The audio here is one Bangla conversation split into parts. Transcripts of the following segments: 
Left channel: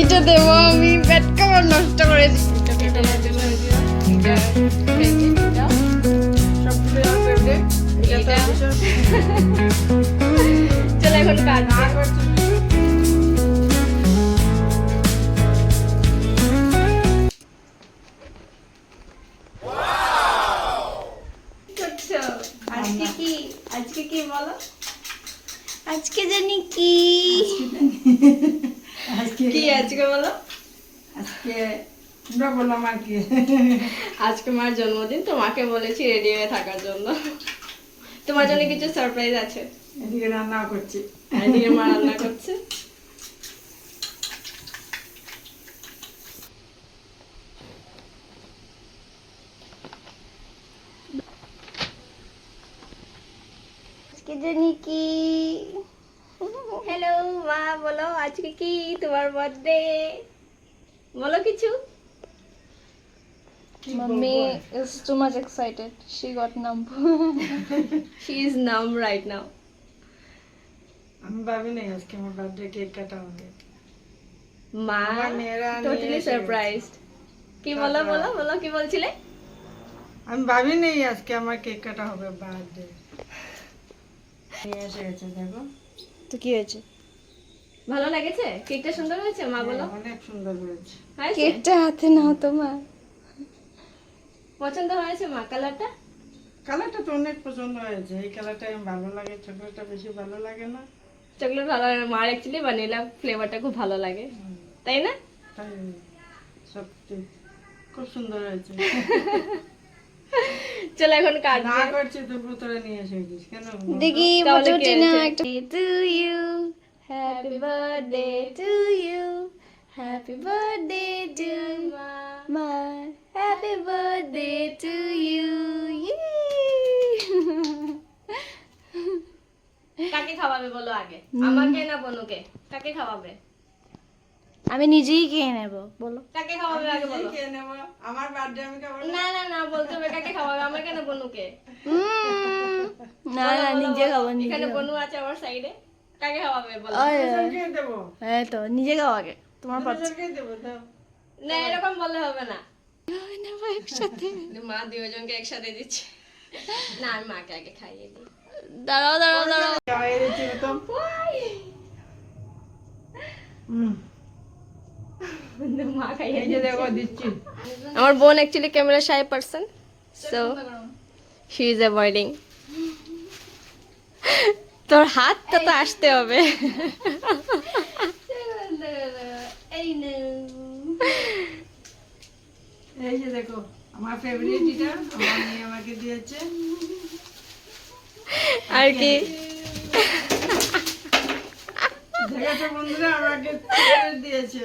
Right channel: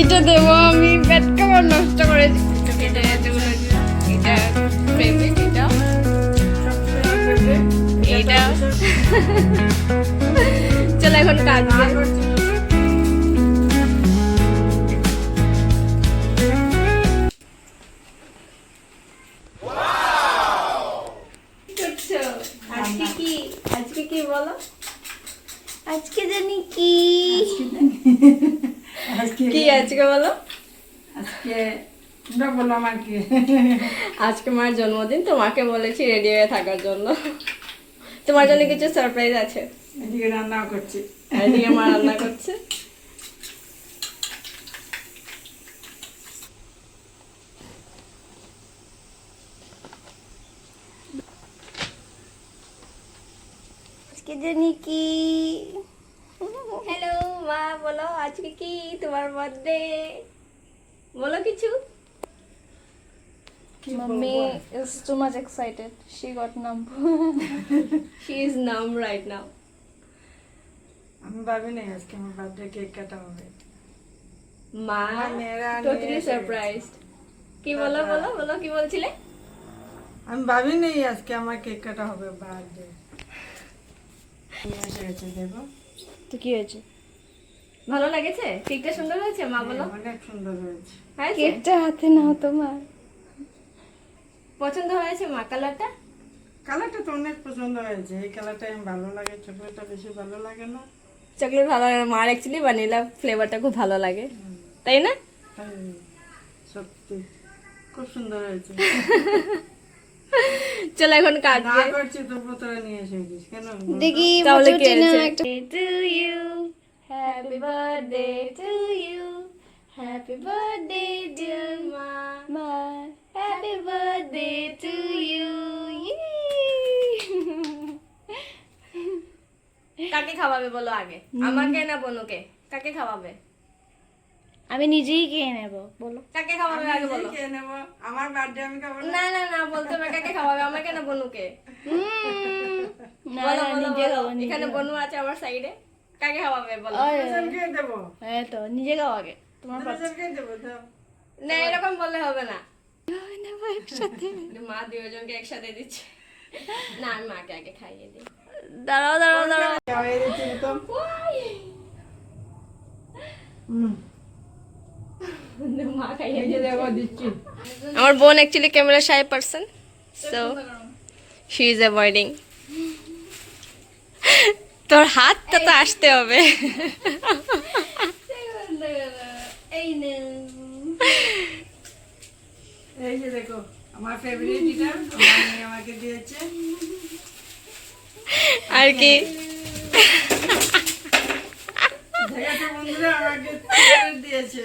এইটা দেবো আমি, পেট কামড় নষ্ট করেছি। চলো এখন কাজ আজকে কি বলো? আজকে জানি কি কি আজকে বলো? আজকে তোমরা বললাম আর কি। আজকে মার জন্মদিন, তো মাকে বলেছি রেডি হয়ে থাকার জন্য। তোমার জন্য কিছু সারপ্রাইজ আছে। এদিকে রান্নাও করছি, এদিকে মা রান্না করছে। আজকে জানি কি। হ্যালো মা, বলো আজকে কি তোমার বার্থডে, বলো কিছু। Mummy is too much excited. She got numb. She is numb right now. আমি ভাবি নাই আজকে আমার বার্থডে কেক কাটা হবে। মা আমার মেয়েরা নিয়ে টোটালি এসে সারপ্রাইজড। কি বলো বলো বলো, কি বলছিলে? আমি ভাবি নাই আজকে আমার কেক কাটা হবে বার্থডে। নিয়ে এসে গেছে দেখো। তো কি হয়েছে? ভালো লেগেছে? কেকটা সুন্দর হয়েছে মা বলো? অনেক সুন্দর হয়েছে। হয়েছে? কেকটা হাতে নাও তোমার। পছন্দ হয়েছে মা কালারটা? কালারটা তো অনেক পছন্দ হয়েছে। এই কালারটা আমি ভালো লাগে, চকলেটটা বেশি ভালো লাগে না। চকলেট ভালো লাগে, মার অ্যাকচুয়ালি ভ্যানিলা ফ্লেভারটা খুব ভালো লাগে, তাই না? তাই সত্যি খুব সুন্দর হয়েছে। চলো এখন কাট না করছি তবু তোরা নিয়ে এসে গেছিস কেন? দেখি তাহলে ফটো কি টেনে হয়েছে? একটা to you, happy birthday to you, happy birthday dear ma, happy birthday to you. কাকে খাওয়াবে বলো আগে, আমাকে না বনুকে? কাকে খাওয়াবে? আমি নিজেই খেয়ে নেব, বলো। কাকে খাওয়াবে আগে বলো। খেয়ে নেবো। আমার বার্থডে আমি খাবো না। না না না, বলতে হবে কাকে খাওয়াবে, আমাকে না বনুকে? না বলো, না, বলো, নিজে বলো। খাবো, নিজে এখানে খাবো। বনু আছে আমার সাইডে, কাকে খাওয়াবে বলো। দুজন খেয়ে দেবো। এই তো নিজে খাও আগে, তোমার পাচ্ছি। দুজন খেয়ে দেবো দাও। না এরকম বললে হবে না, নেবো একসাথে। মা দুজনকে একসাথে দিচ্ছে। না আমি মাকে আগে খাইয়ে দিই। দাঁড়াও দাঁড়াও দাঁড়াও। গায়ের চিনতাম। মা খাইয়ে এই যে দেখো দিচ্ছি। আমার বোন actually camera shy person, so she is avoiding. তোর হাতটা তো আসতে হবে। এই যে দেখো আমার ফেভারিট এটা আমার মেয়ে আমাকে দিয়েছে। আর কি দেখো বন্ধুরা আমাকে চকলেট দিয়েছে।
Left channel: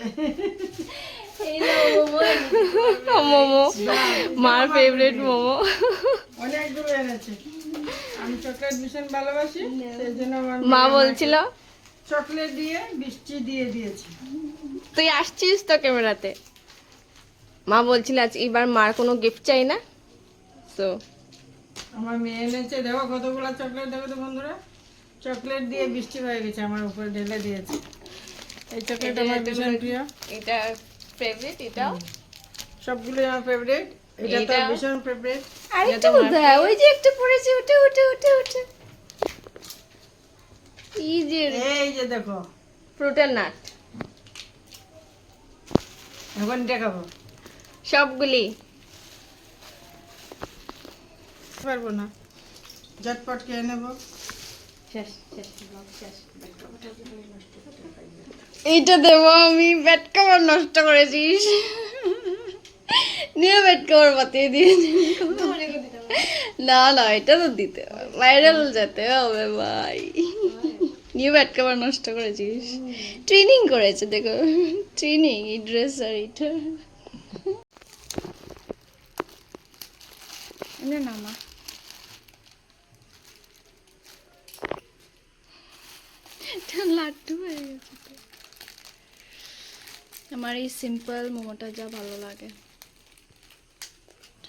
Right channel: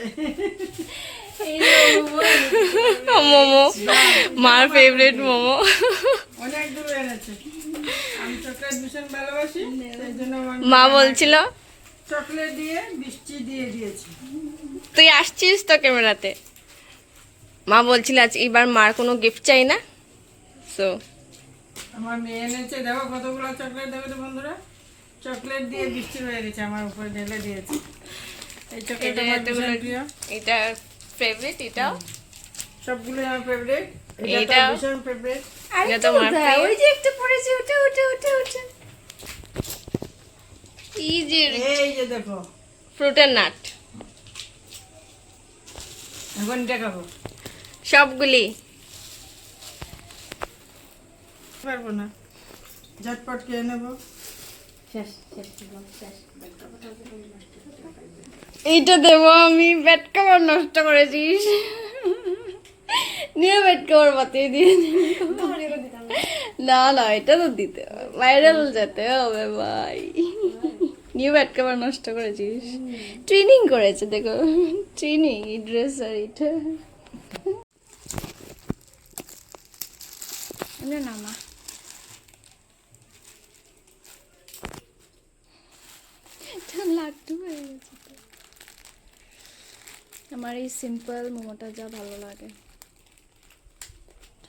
মোমো, মার ফেভারিট মোমো। অনেকগুলো এনেছে। আমি চকলেট ভীষণ ভালোবাসি, সেই জন্য আমার মা মেয়ে বলছিল আমাকে চকলেট দিয়ে মিষ্টি দিয়ে দিয়েছে। তুই আসছিস তো ক্যামেরাতে। মা বলছিল আজ এবার মার কোনো গিফট চাই না, সো আমার মেয়ে এনেছে দেখো কতগুলো চকলেট, দেখো তো বন্ধুরা চকলেট দিয়ে বৃষ্টি হয়ে গেছে আমার উপরে ঢেলে দিয়েছে। এই চকলেট আমার ভীষণ প্রিয়, এটা ফেভারিট, এটা সবগুলো আমার ফেভারিট। এটা তো এটা- ভীষণ ফেভারিট। এটা তো মার প্রিয়। ওই যে একটু পড়েছে, উঠে উঠে উঠে উঠে। এই যে এই যে দেখো ফ্রুটের নাট এখন এটা খাবো সবগুলি। পারবো না, ঝটপট খেয়ে নেবো। এইটা দেবো আমি, পেট কামড় নষ্ট করেছিস। নিয়ে পেট কামড় বাতিয়ে দিয়ে না না, এটা তো দিতে হবে, ভাইরাল যেতে হবে ভাই। নিয়ে পেট কামড় নষ্ট করেছিস। ট্রেনিং করেছে দেখো, ট্রেনিং এই ড্রেস আর এটা। নামা লাড্ডু হয়ে গেছে তো। আমার এই সিম্পল মোমোটা যা ভালো লাগে।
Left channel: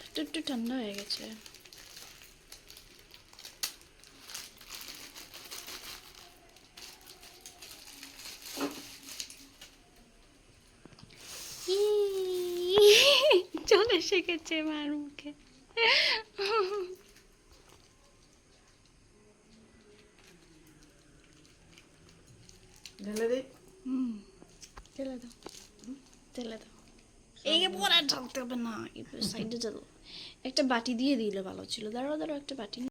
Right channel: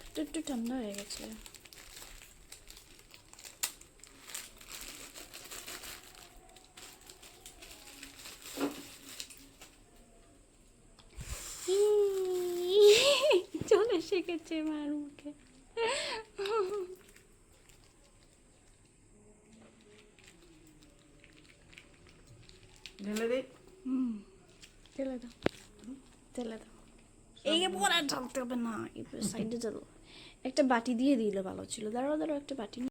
একটু একটু ঠান্ডা হয়ে গেছে। শিখেছে মার মুখে। ঢেলে দিই। তেলে দাও, তেলে দাও। এই পরে ঢালতে হবে না, সাইডে চলো। একটা বাটি দিয়ে দিলে ভালো ছিল। দাঁড়াও দাঁড়াও, একটা বাটি